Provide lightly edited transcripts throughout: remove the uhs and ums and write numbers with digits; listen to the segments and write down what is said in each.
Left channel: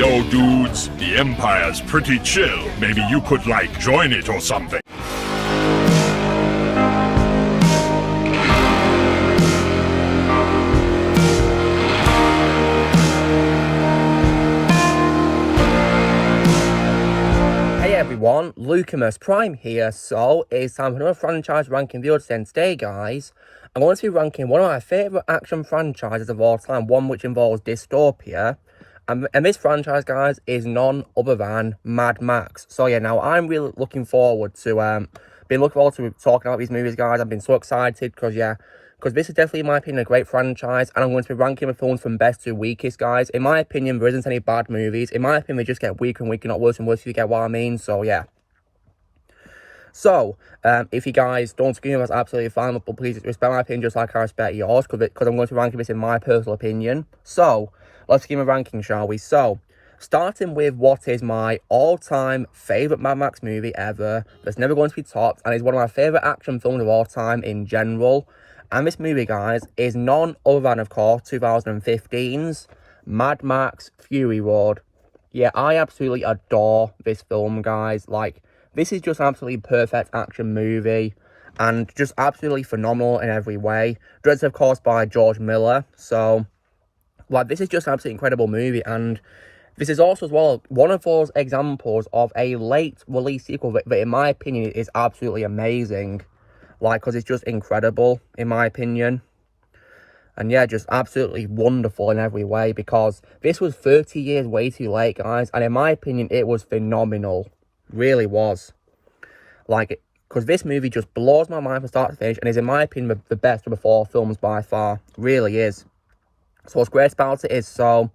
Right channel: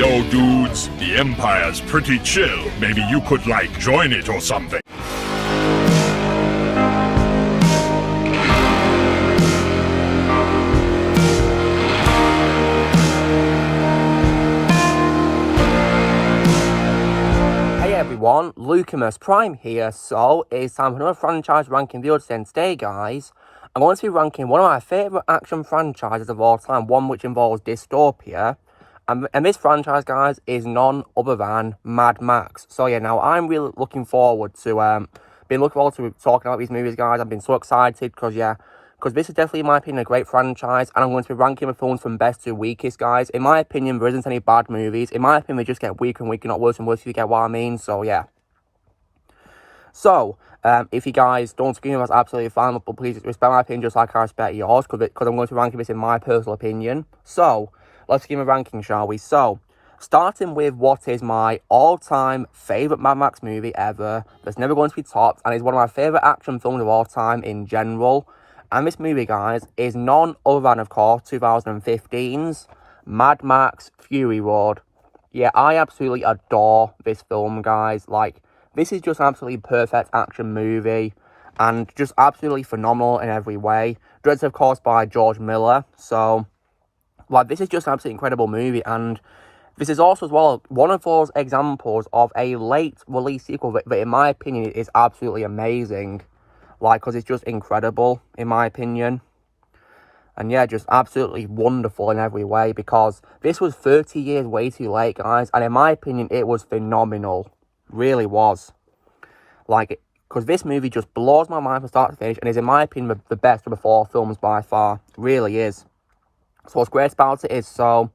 Yo, dudes, the Empire's pretty chill. Maybe you could, like, join it or something. Hey everyone, Lucamus Prime here. So, it's time for another franchise ranking video today, guys. I'm going to be ranking one of my favourite action franchises of all time, one which involves dystopia. And this franchise, guys, is none other than Mad Max. So yeah, now I'm really looking forward to talking about these movies, guys. I've been so excited because this is definitely, in my opinion, a great franchise, and I'm going to be ranking the films from best to weakest, guys. In my opinion, there isn't any bad movies. In my opinion, they just get weaker and weaker, not worse and worse, if you get what I mean. So yeah. So, if you guys don't agree, that's absolutely fine, but please respect my opinion just like I respect yours, because I'm going to be ranking this in my personal opinion. So, let's give a ranking, shall we? So, starting with what is my all-time favourite Mad Max movie ever, that's never going to be topped, and is one of my favourite action films of all time in general. And this movie, guys, is none other than, of course, 2015's Mad Max Fury Road. Yeah, I absolutely adore this film, guys. Like, this is just an absolutely perfect action movie, and just absolutely phenomenal in every way. Directed, of course, by George Miller. So, like, this is just an absolutely incredible movie, and this is also, as well, one of those examples of a late release sequel that in my opinion, is absolutely amazing. Like, because it's just incredible, in my opinion. And yeah, just absolutely wonderful in every way, because this was 30 years way too late, guys. And in my opinion, it was phenomenal. Really was. Like, because this movie just blows my mind from start to finish, and is, in my opinion, the best of the four films by far. It really is. So what's great about it is, so,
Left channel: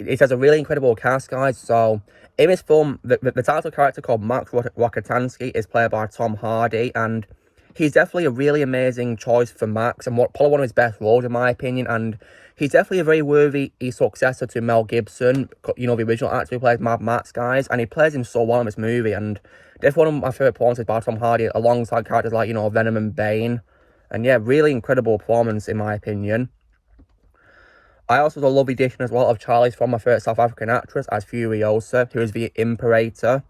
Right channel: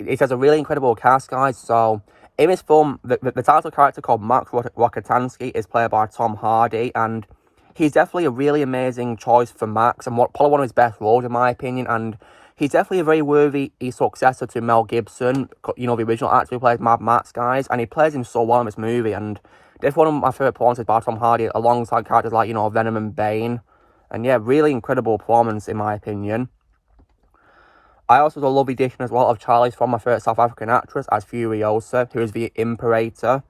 it has a really incredible cast, guys. So, in this film, the title character called Max Rokitansky is played by Tom Hardy, and he's definitely a really amazing choice for Max, and probably one of his best roles, in my opinion, and he's definitely a very worthy successor to Mel Gibson, you know, the original actor who plays Mad Max, guys, and he plays him so well in this movie, and definitely one of my favourite performances by Tom Hardy, alongside characters like, you know, Venom and Bane, and yeah, really incredible performance, in my opinion. I also have a lovely addition as well of Charlize Theron, my favourite South African actress, as Furiosa, who is the Imperator.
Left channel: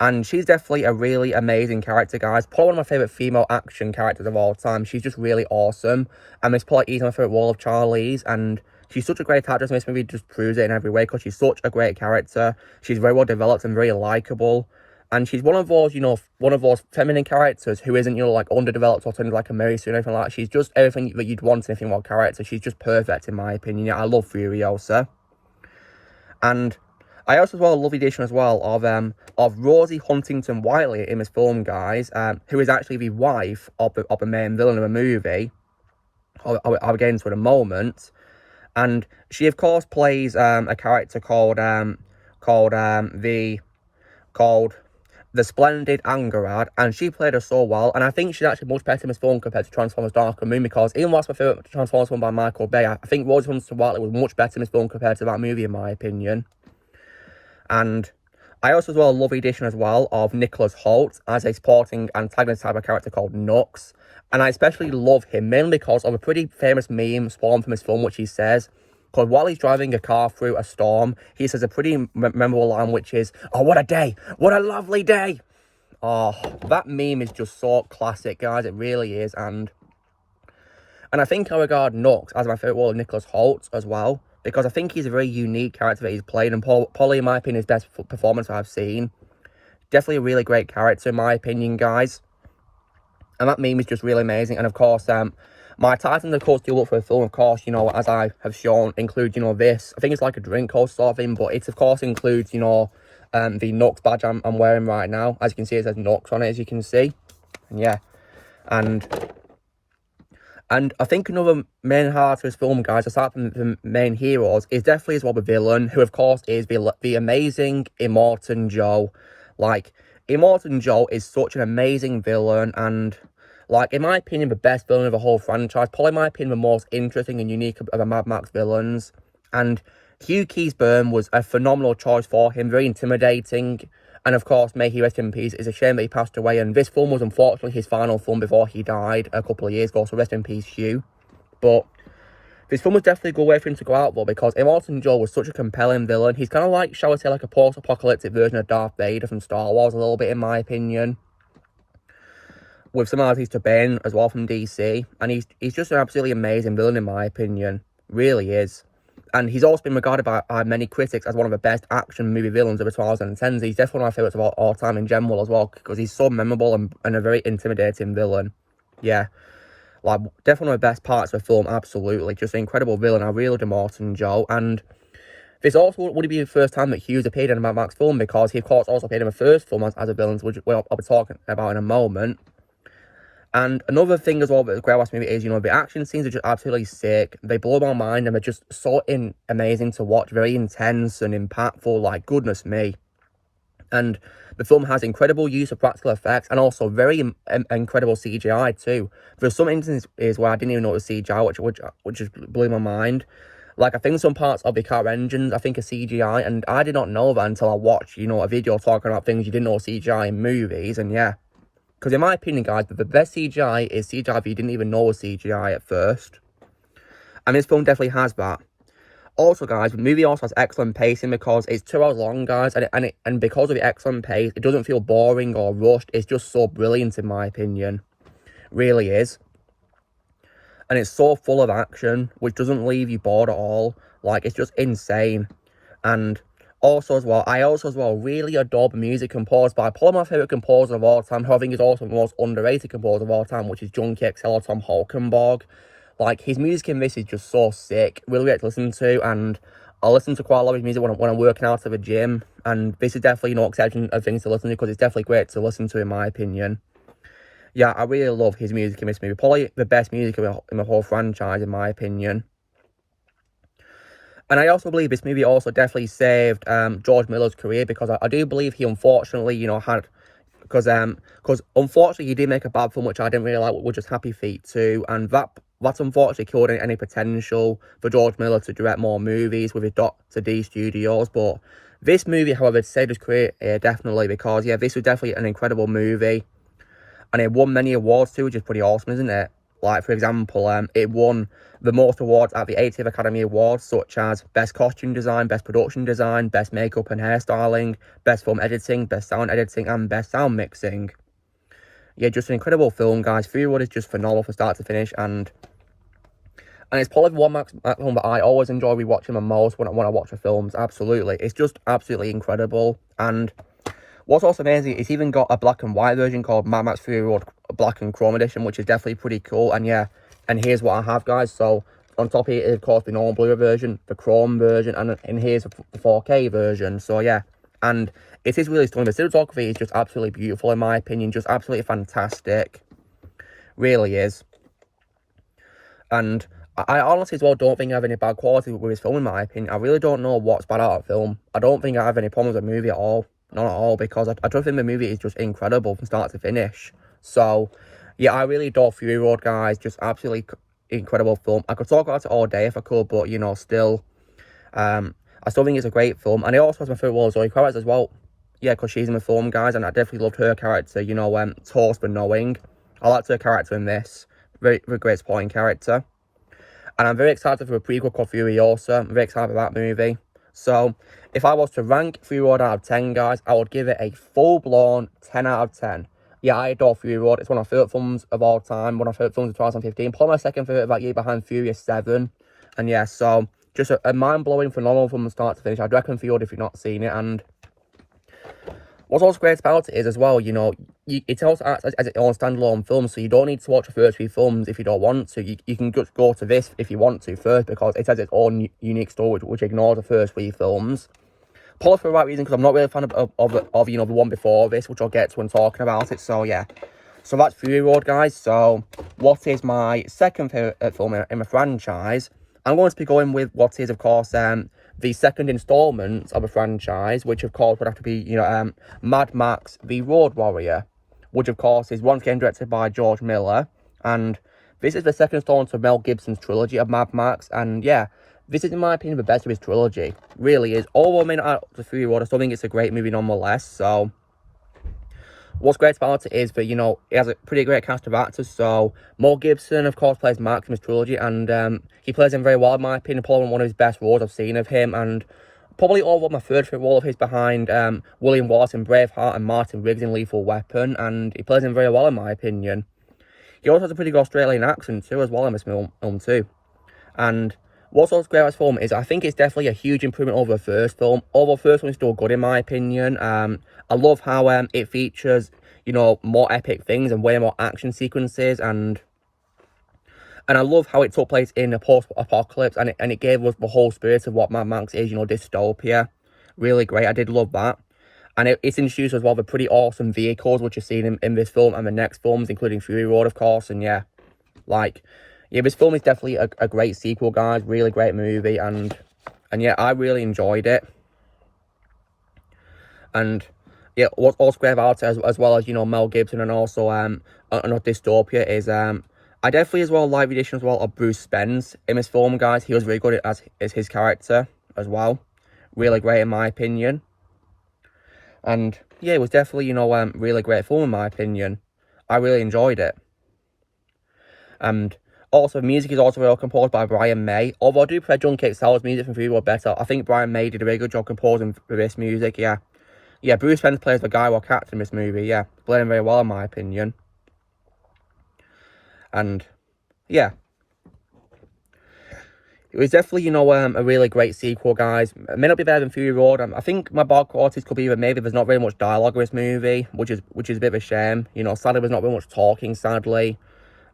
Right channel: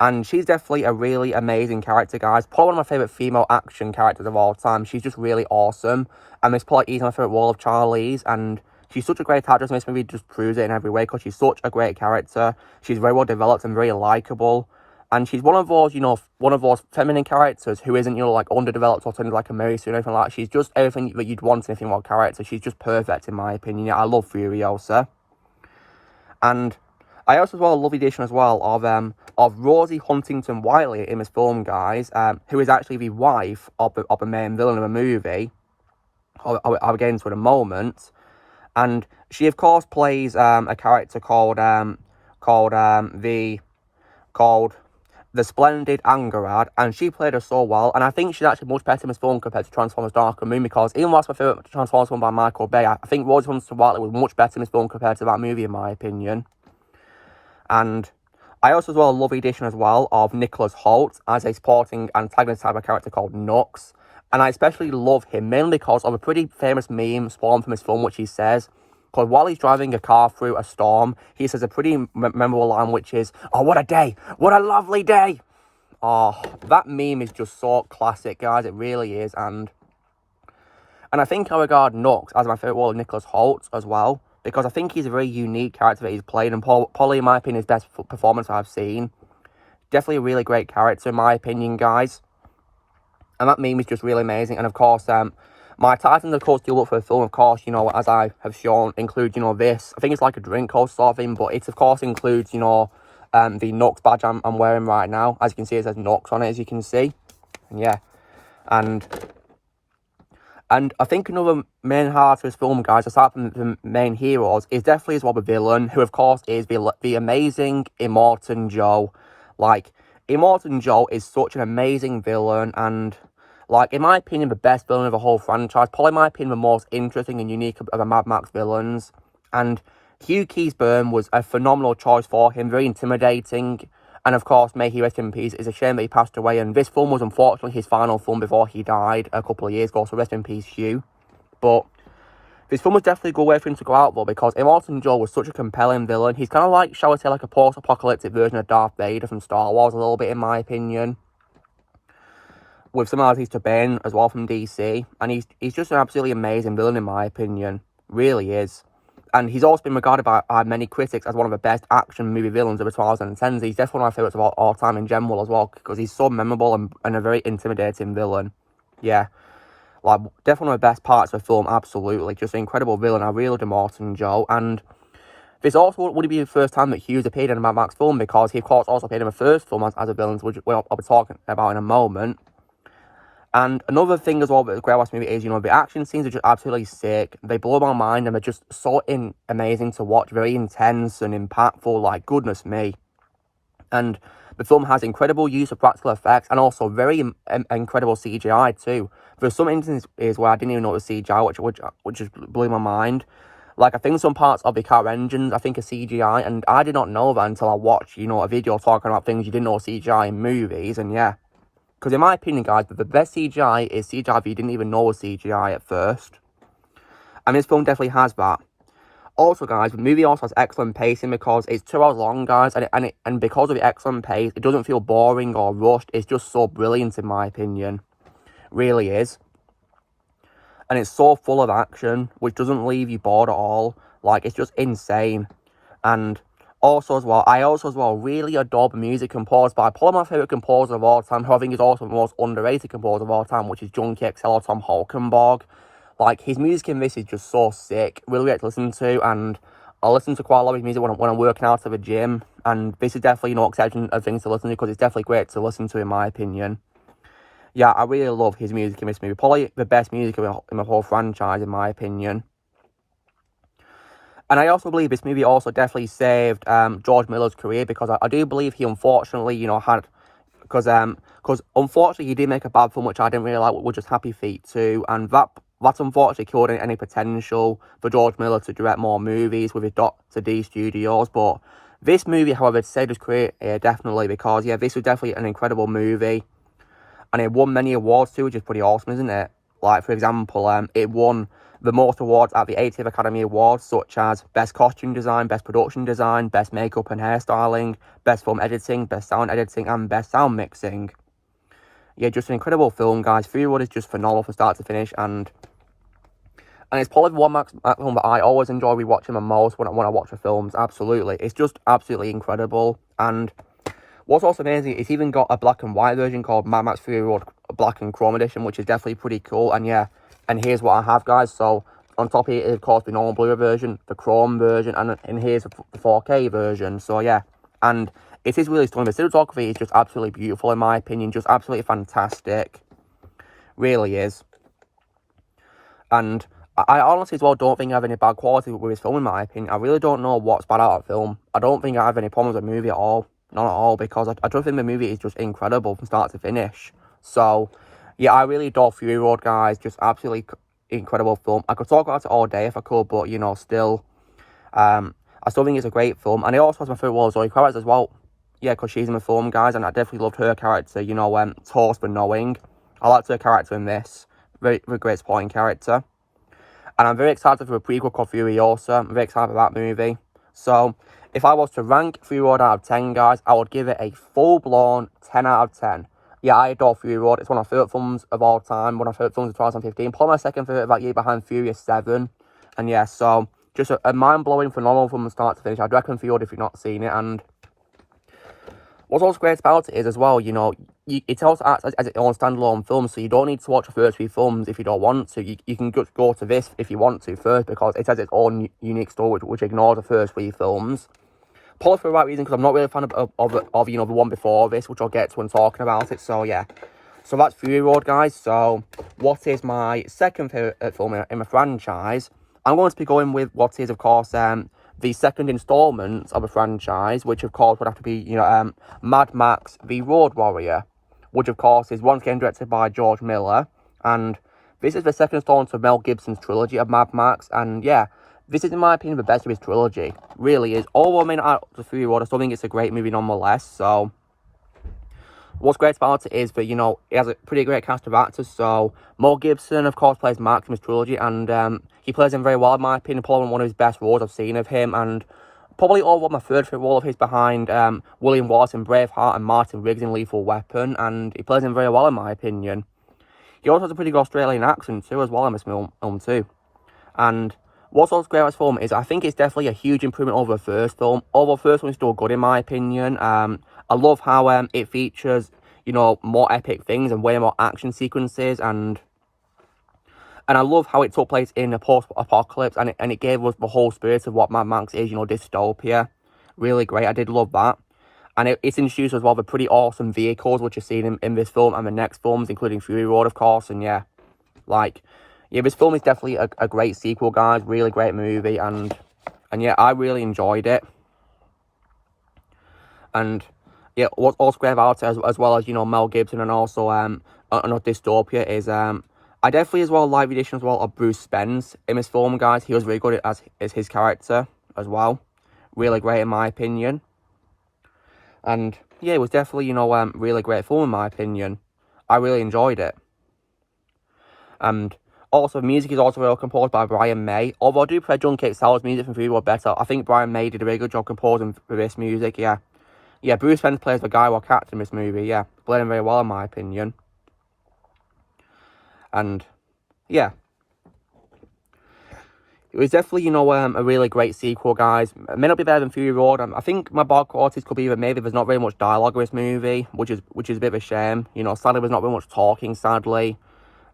And she's definitely a really amazing character, guys. Probably one of my favourite female action characters of all time. She's just really awesome. And this probably is my favourite role of Charlize. And she's such a great actress, and this movie just proves it in every way, because she's such a great character. She's very well developed and very likeable. And she's one of those, you know, one of those feminine characters who isn't, you know, like, underdeveloped or turned like a Mary Sue or anything like that. She's just everything that you'd want in a female character. She's just perfect, in my opinion. Yeah, I love Furiosa. And I also, as well, a lovely addition as well of Rosie Huntington Whiteley in this film, guys, who is actually the wife of the main villain of the movie. I'll get into it in a moment. And she, of course, plays a character called the Splendid Angarad, and she played her so well, and I think she's actually much better in this film compared to Transformers Dark and Moon, because even though that's my favourite Transformers film by Michael Bay, I think Rosie Huntington Whiteley was much better in this film compared to that movie, in my opinion. And I also, as well, love the addition as well of Nicholas Hoult as a supporting antagonist type of character called Nux. And I especially love him, mainly because of a pretty famous meme spawned from this film, which he says, because while he's driving a car through a storm, he says a pretty memorable line, which is, "Oh, what a day! What a lovely day!" Oh, that meme is just so classic, guys. It really is. And I think I regard Nux as my favourite role of Nicholas Hoult as well, because I think he's a very unique character that he's played, and probably, in my opinion, his best performance I've seen. Definitely a really great character, in my opinion, guys. And that meme is just really amazing. And, of course, my Titans, of course, do look for a film, of course, you know, as I have shown, include, you know, this. I think it's like a drink or sort of thing, but it, of course, includes, you know, the Nux badge I'm wearing right now. As you can see, it says Nux on it, as you can see. And, yeah. And I think another main heart of this film, guys, aside from the main heroes, is definitely as well the villain, who, of course, is the amazing Immortan Joe. Like, Immortan Joe is such an amazing villain, and, like, in my opinion, the best villain of the whole franchise. Probably, in my opinion, the most interesting and unique of the Mad Max villains. And Hugh Keays-Byrne was a phenomenal choice for him, very intimidating. And, of course, may he rest in peace. It's a shame that he passed away, and this film was, unfortunately, his final film before he died a couple of years ago, so rest in peace, Hugh. But this film was definitely a good way for him to go out, though, because Immortan Joe was such a compelling villain. He's kind of like, shall I say, like a post-apocalyptic version of Darth Vader from Star Wars, a little bit, in my opinion. With similarities to Bane as well from DC. And he's just an absolutely amazing villain, in my opinion. Really is. And he's also been regarded by many critics as one of the best action movie villains of the 2010s. He's definitely one of my favourites of all time in general as well, because he's so memorable and a very intimidating villain. Yeah. Like, definitely one of the best parts of the film, absolutely. Just an incredible villain. I really loved Immortan Joe. And this also would be the first time that Hughes appeared in a Mad Max film, because he, of course, also appeared in the first film as a villain, which I'll be talking about in a moment. And another thing as well with the Grey West movie is, you know, the action scenes are just absolutely sick. They blow my mind, and they're just so amazing to watch. Very intense and impactful, like, goodness me. And the film has incredible use of practical effects, and also very incredible CGI too. There's some instances where I didn't even know it was CGI, which just blew my mind. Like, I think some parts of the car engines, I think, are CGI, and I did not know that until I watched, you know, a video talking about things you didn't know CGI in movies, and yeah. Because in my opinion, guys, the best CGI is CGI that you didn't even know was CGI at first. And this film definitely has that. Also, guys, the movie also has excellent pacing because it's 2 hours long, guys, and because of the excellent pace, it doesn't feel boring or rushed. It's just so brilliant, in my opinion. Really is. And it's so full of action, which doesn't leave you bored at all. Like, it's just insane. And also as well, I really adore the music composed by probably my favourite composer of all time, who I think is also the most underrated composer of all time, which is Junkie XL or Tom Holkenborg. Like, his music in this is just so sick, really great to listen to, and I listen to quite a lot of his music when I'm working out at the gym, and this is definitely no exception of things to listen to, because it's definitely great to listen to, in my opinion. Yeah, I really love his music in this movie, probably the best music in the whole franchise, in my opinion. And I also believe this movie also definitely saved George Miller's career, because I do believe he unfortunately, you know, had... Because unfortunately he did make a bad film, which I didn't really like, which was Happy Feet 2, and that's unfortunately killed any potential for George Miller to direct more movies with his Dr. D Studios. But this movie, however, saved his career definitely, because, yeah, this was definitely an incredible movie. And it won many awards too, which is pretty awesome, isn't it? Like, for example, it won the most awards at the 80th Academy Awards, such as Best Costume Design, Best Production Design, Best Makeup and Hairstyling, Best Film Editing, Best Sound Editing, and Best Sound Mixing. Yeah, just an incredible film, guys. Fury Road is just phenomenal from start to finish, and it's probably the one Max film that I always enjoy rewatching the most when I watch the films, absolutely. It's just absolutely incredible, and what's also amazing, it's even got a black and white version called Mad Max Fury Road Black and Chrome Edition, which is definitely pretty cool, and yeah. And here's what I have, guys. So, on top of it is, of course, the normal Blu-ray version, the Chrome version, and here's the 4K version. So, yeah. And it is really stunning. The cinematography is just absolutely beautiful, in my opinion. Just absolutely fantastic. Really is. And I honestly, as well, don't think I have any bad quality with this film, in my opinion. I really don't know what's bad about the film. I don't think I have any problems with the movie at all. Not at all, because I don't think the movie is just incredible from start to finish. So... yeah, I really adore Fury Road, guys. Just absolutely incredible film. I could talk about it all day if I could, but, you know, still, I still think it's a great film. And it also has my favourite one, Zoe Kravitz, as well. Yeah, because she's in the film, guys, and I definitely loved her character, you know, Toast for Knowing. I liked her character in this. Very, very great supporting character. And I'm very excited for a prequel called Furiosa. I'm very excited for that movie. So, if I was to rank Fury Road out of 10, guys, I would give it a full-blown 10 out of 10. Yeah, I adore Fury Road. It's one of my favourite films of all time. One of my favourite films of 2015. Probably my second favourite of that year, behind Furious 7. And yeah, so just a mind-blowing, phenomenal film from start to finish. I'd recommend Fury Road if you've not seen it. And what's also great about it is, as well, you know, it also acts as its own standalone film. So you don't need to watch the first 3 films if you don't want to. You can just go to this if you want to first, because it has its own unique story, which ignores the first 3 films. Probably for the right reason, because I'm not really a fan of you know, the one before this, which I'll get to when talking about it. So yeah, so that's Fury Road, guys. So what is my second favourite film in the franchise? I'm going to be going with what is, of course, the second instalment of the franchise, which of course would have to be, you know, Mad Max The Road Warrior, which of course is once again directed by George Miller, and this is the second installment of Mel Gibson's trilogy of Mad Max, and yeah. This is, in my opinion, the best of his trilogy. Really is. Although I may not like the Fury Road, I still think it's a great movie nonetheless. So, what's great about it is that, you know, it has a pretty great cast of actors. So Mel Gibson, of course, plays Max in this trilogy, and he plays him very well, in my opinion. Probably one of his best roles I've seen of him, and probably all my third favourite role of his behind William Wallace in Braveheart and Martin Riggs in Lethal Weapon, and he plays him very well, in my opinion. He also has a pretty good Australian accent too, as well, in this film too. And what's also great about this film is I think it's definitely a huge improvement over the first film. Although the first one is still good, in my opinion. I love how it features, you know, more epic things and way more action sequences, and I love how it took place in a post-apocalypse, and it gave us the whole spirit of what Mad Max is, you know, dystopia. Really great. I did love that. And it's introduced as well the pretty awesome vehicles which are seen in this film and the next films, including Fury Road, of course. And yeah, like, yeah, this film is definitely a great sequel, guys. Really great movie, and yeah, I really enjoyed it. And yeah, what's also great about it, as well as, you know, Mel Gibson, and also Dystopia, is I definitely as well like the addition as well of Bruce Spence in this film, guys. He was really good as his character as well. Really great, in my opinion. And yeah, it was definitely, you know, really great film, in my opinion. I really enjoyed it. And also, music is also well composed by Brian May. Although I do prefer John Cazale's music from Fury Road better, I think Brian May did a very good job composing for this music, yeah. Yeah, Bruce Spence plays the Guy Cat in this movie, yeah. Played him very well, in my opinion. And yeah, it was definitely, you know, a really great sequel, guys. It may not be better than Fury Road. I think my bad qualities could be that maybe there's not very much dialogue in this movie, which is a bit of a shame. You know, sadly, there's not very much talking, sadly.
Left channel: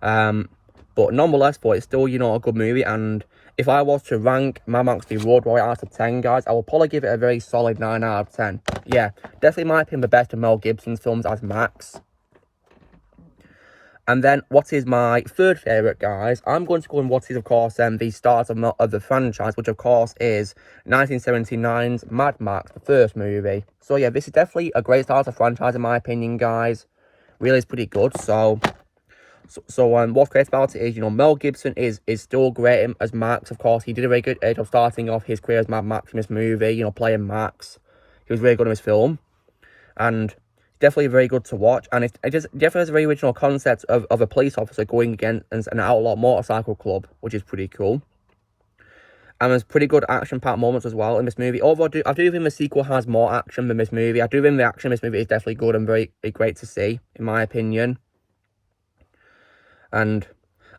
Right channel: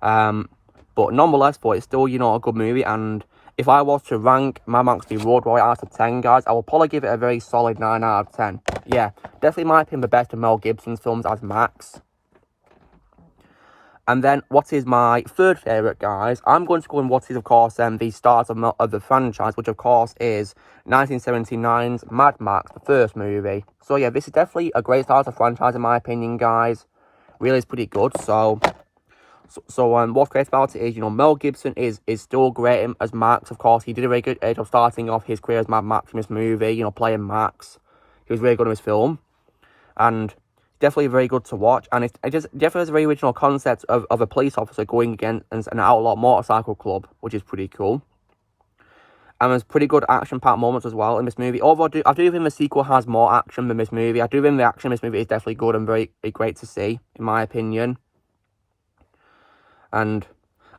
But nonetheless, it's still, you know, a good movie. And if I was to rank Mad Max v Road Warrior out of 10, guys, I will probably give it a very solid 9 out of 10. Yeah, definitely in my opinion the best of Mel Gibson's films as Max. And then, what is my third favourite, guys? I'm going to go in what is, of course, the start of the franchise, which, of course, is 1979's Mad Max, the first movie. So, yeah, this is definitely a great start of the franchise, in my opinion, guys. Really is pretty good. So what's great about it is, you know, Mel Gibson is still great as Max, of course. He did a very good job starting off his career as Mad Max in this movie, you know, playing Max. He was really good in this film. And definitely very good to watch, and it just definitely has a very original concept of a police officer going against an outlaw motorcycle club, which is pretty cool. And there's pretty good action-packed moments as well in this movie. Although I do think the sequel has more action than this movie. I do think the action in this movie is definitely good and very great to see, in my opinion. And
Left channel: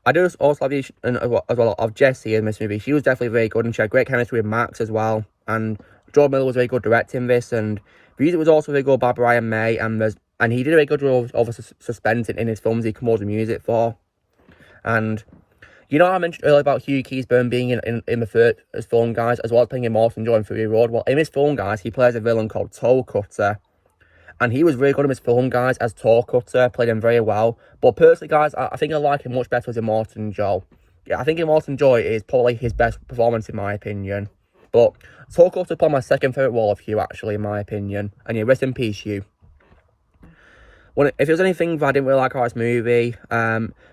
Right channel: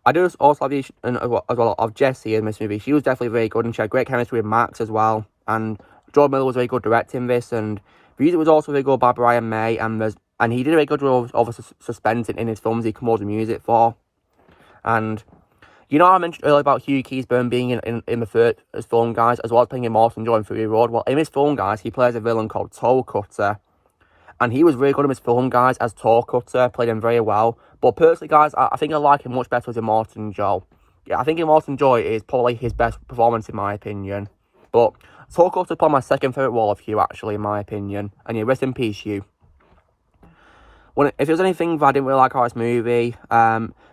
I do also like the as well of Jessie in this movie. She was definitely very good, and she had great chemistry with Max as well. And George Miller was very good directing this, and the music was also very good by Brian May, and he did a very good job of suspense in his films he composed the music for. And you know, I mentioned earlier about Hugh Keays-Byrne being in the first film, guys, as well as playing Immortan Joy in Fury Road. Well, in this film, guys, he plays a villain called Toe Cutter, and he was really good in this film, guys, as Toe Cutter. Played him very well. But personally, guys, I think I like him much better as Immortan Joy. Yeah, I think Immortan Joy is probably his best performance, in my opinion. But Toe Cutter is probably my second favourite role of Hugh, actually, in my opinion. And yeah, rest in peace, Hugh. If there's anything that I didn't really like about this movie,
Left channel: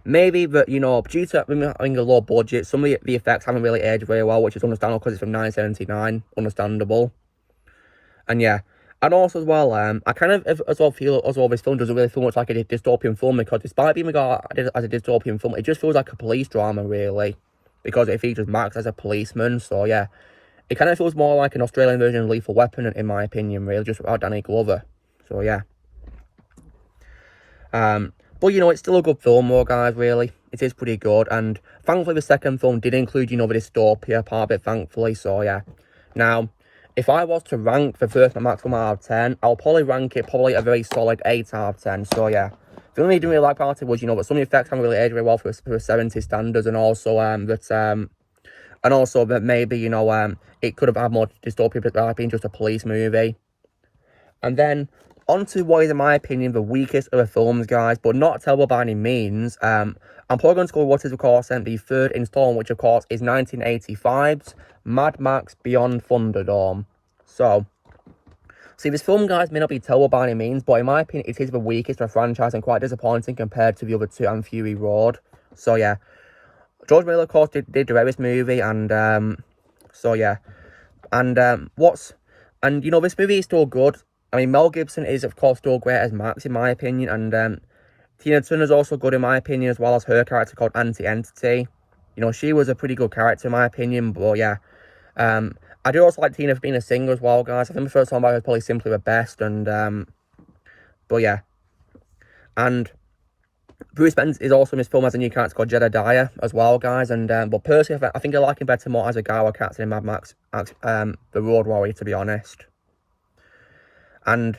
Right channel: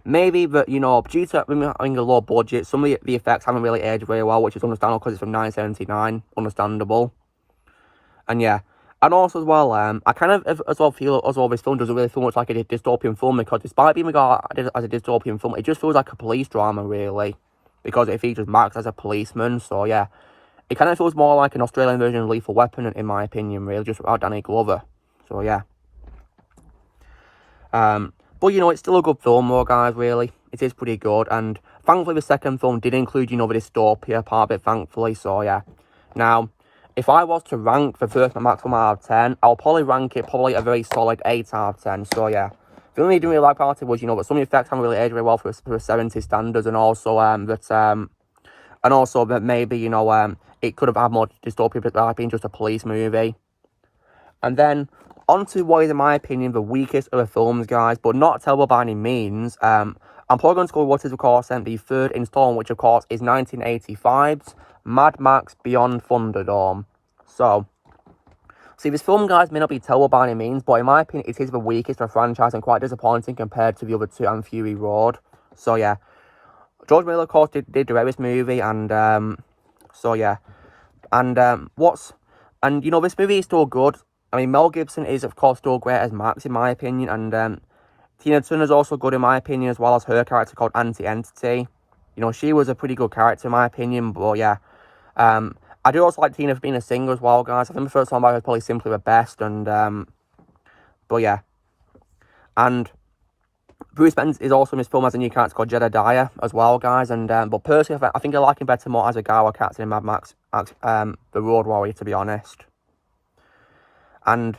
maybe that, you know, due to having a low budget, some of the effects haven't really aged very well, which is understandable because it's from 1979. Understandable. And yeah, and also as well, I kind of as well feel as well this film doesn't really feel much like a dystopian film, because despite being regarded as a dystopian film, it just feels like a police drama, really, because it features Max as a policeman. So yeah, it kind of feels more like an Australian version of Lethal Weapon, in my opinion, really, just without Danny Glover. So yeah. But you know, it's still a good film though, guys, really. It is pretty good, and thankfully the second film did include, you know, the dystopia part of it, thankfully. So yeah. Now, if I was to rank the first Mad Max film out of 10, I'll probably rank it a very solid 8 out of 10. So yeah. The only thing I didn't really like about it was, you know, that some of the effects haven't really aged very well for 70s standards, and also that maybe, you know, it could have had more dystopia without being just a police movie. And then onto what is, in my opinion, the weakest of the films, guys, but not terrible by any means. I'm probably going to go with what is, of course, the third installment, which, of course, is 1985's Mad Max Beyond Thunderdome. So, see, this film, guys, may not be terrible by any means, but in my opinion, it is the weakest of the franchise and quite disappointing compared to the other two and Fury Road. So, yeah. George Miller, of course, did direct this movie, and, so, yeah. And, you know, this movie is still good. I mean, Mel Gibson is, of course, still great as Max, in my opinion, and Tina Turner's also good, in my opinion, as well as her character called Auntie Entity. You know, she was a pretty good character, in my opinion, but yeah. I do also like Tina for being a singer as well, guys. I think the first song by her is probably Simply the Best, and, but yeah. And Bruce Spence is also in this film as a new character called Jedediah as well, guys, and, but personally, I think I like him better more as a Gower character in Mad Max, The Road Warrior, to be honest. And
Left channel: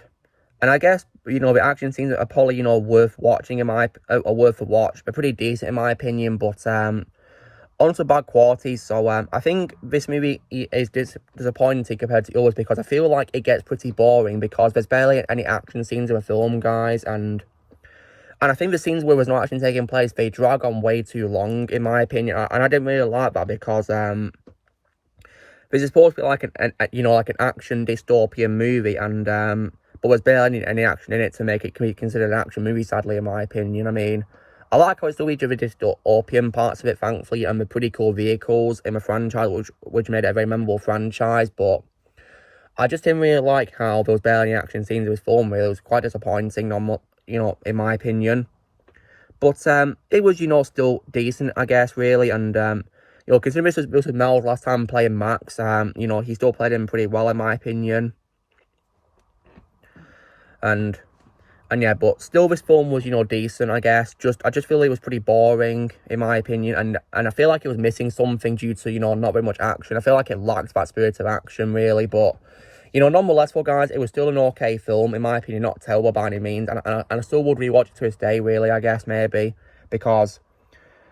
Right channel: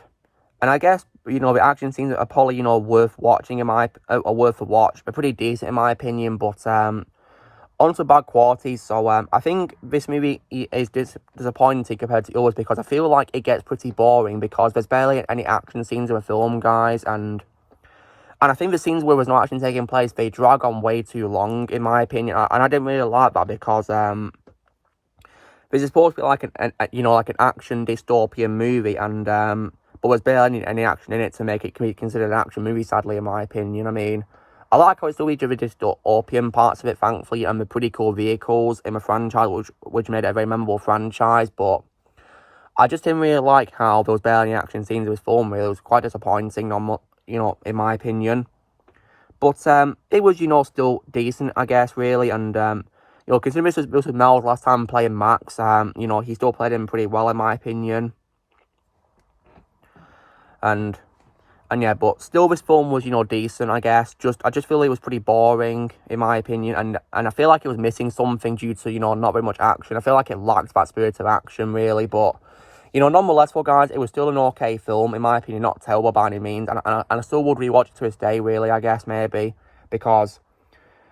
I guess, you know, the action scenes are probably, you know, worth watching, worth a watch. They're pretty decent, in my opinion, but, onto bad qualities. So, I think this movie is disappointing compared to others because I feel like it gets pretty boring because there's barely any action scenes in the film, guys, and I think the scenes where there's no action taking place, they drag on way too long, in my opinion, and I didn't really like that because, this is supposed to be like an action dystopian movie, and, but there's barely any action in it to make it be considered an action movie, sadly, in my opinion. I mean, I like how it's still each of the dystopian parts of it, thankfully, and the pretty cool vehicles in the franchise, which made it a very memorable franchise, but I just didn't really like how there was barely any action scenes in this film, really. It was quite disappointing, you know, in my opinion. But, it was, you know, still decent, I guess, really, and, you know, considering this was Mel's last time playing Max, you know, he still played him pretty well, in my opinion. And yeah, but still this film was, you know, decent, I guess. I just feel it was pretty boring, in my opinion, and I feel like it was missing something due to, you know, not very much action. I feel like it lacked that spirit of action, really, but, you know, nonetheless, well, guys, it was still an okay film, in my opinion, not terrible by any means, and I still would rewatch it to this day, really, I guess, maybe, because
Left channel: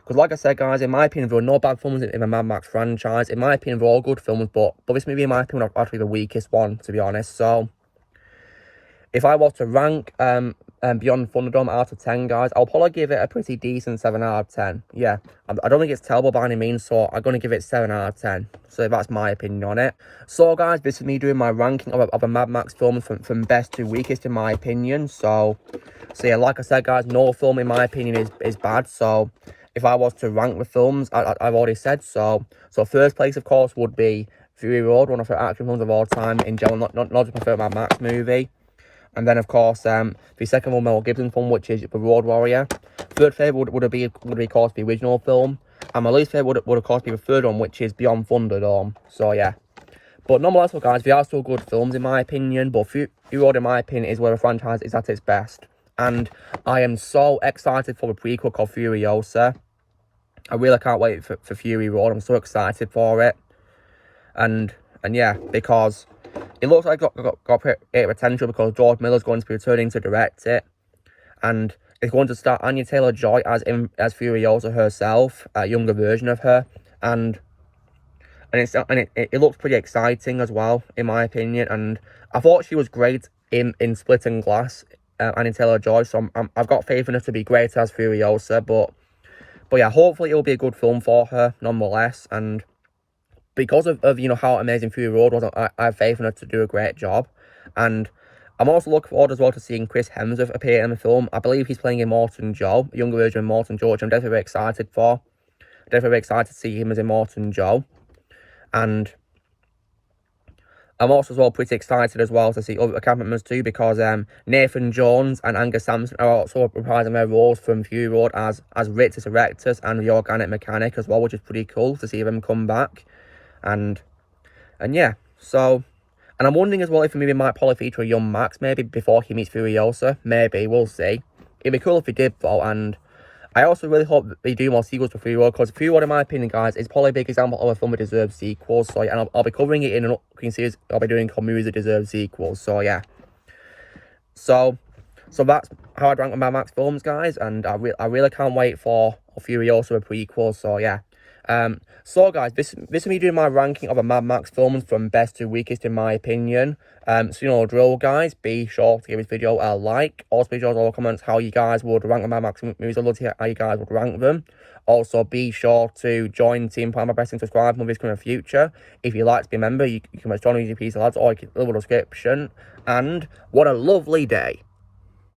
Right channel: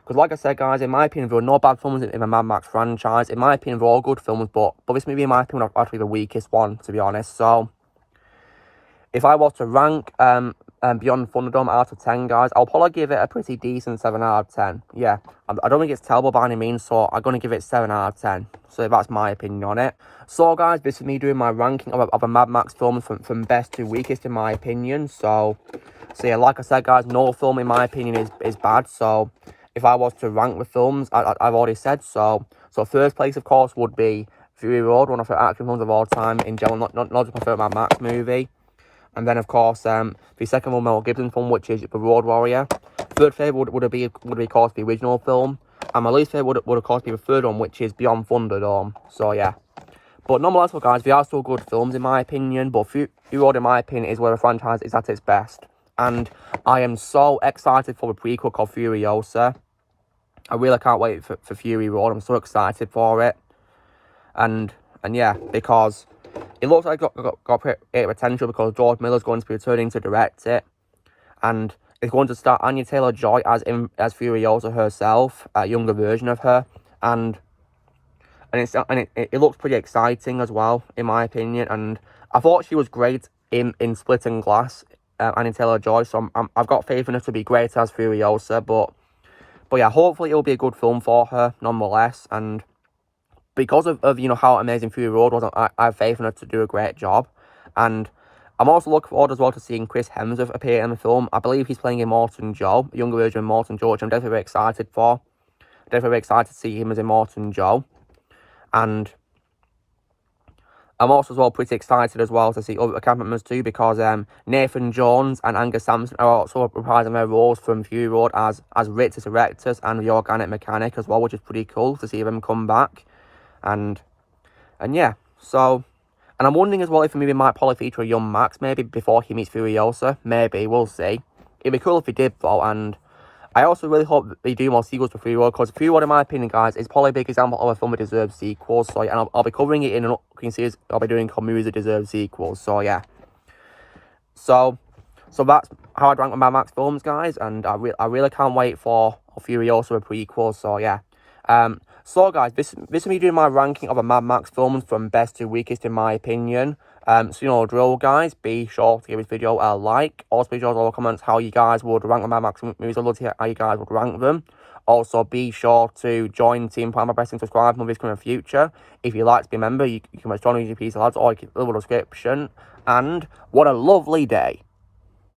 like I said, guys, in my opinion, there were no bad films in the Mad Max franchise. In my opinion, they're all good films, but this movie, in my opinion, was actually the weakest one, to be honest. So, if I was to rank Beyond Thunderdome out of 10, guys, I'll probably give it a pretty decent 7 out of 10. Yeah, I don't think it's terrible by any means, so I'm going to give it 7 out of 10. So that's my opinion on it. So, guys, this is me doing my ranking of a Mad Max film from best to weakest, in my opinion. So yeah, like I said, guys, no film, in my opinion, is bad. So, if I was to rank the films, I've already said so. So, first place, of course, would be Fury Road, one of the action films of all time, in general, not just my favourite Mad Max movie. And then, of course, the second one, Mel Gibson film, which is The Road Warrior. Third favourite would be, of course, the original film. And my least favourite would, of course, be the third one, which is Beyond Thunderdome. So, yeah. But nonetheless, well, guys, they are still good films, in my opinion. But Fury Road, in my opinion, is where the franchise is at its best. And I am so excited for the prequel called Furiosa. I really can't wait for Fury Road. I'm so excited for it. And yeah, because it looks like it got great potential because George Miller's going to be returning to direct it. And it's going to star Anya Taylor-Joy as Furiosa herself, a younger version of her. And it looks pretty exciting as well, in my opinion. And I thought she was great in Split and Glass, Anya Taylor-Joy. So I've got faith in her to be great as Furiosa. But yeah, hopefully it'll be a good film for her, nonetheless. And because of you know, how amazing Fury Road was, I have faith in her to do a great job. And I'm also looking forward as well to seeing Chris Hemsworth appear in the film. I believe he's playing Immortan Joe, a younger version of Immortan Joe, which I'm definitely very excited for. Definitely very excited to see him as Immortan Joe. And I'm also as well pretty excited as well to see other cast members too, because Nathan Jones and Angus Sampson are also reprising their roles from Fury Road as Ritus Erectus and the Organic Mechanic as well, which is pretty cool to see them come back. And yeah, so, and I'm wondering as well if the movie might probably feature a young Max, maybe before he meets Furiosa. Maybe, we'll see. It'd be cool if he did, though. And I also really hope they do more sequels for Fury Road, because Fury Road, in my opinion, guys, is probably a big example of a film that deserves sequels. So, and I'll be covering it in an upcoming series I'll be doing called Movies That Deserve Sequels. So, yeah. So that's how I'd rank the Mad Max films, guys. And I really can't wait for Furiosa, a prequel. So, yeah. So, guys, this is me doing my ranking of the Mad Max films from best to weakest, in my opinion. So, you know, drill, guys. Be sure to give this video a like. Also, be sure to all comments how you guys would rank the Mad Max movies. I'd love to hear how you guys would rank them. Also, be sure to join Team Prime by pressing subscribe. Movies coming in the future. If you'd like to be a member, you can join with your piece of lads, or you can leave a description. And what a lovely day.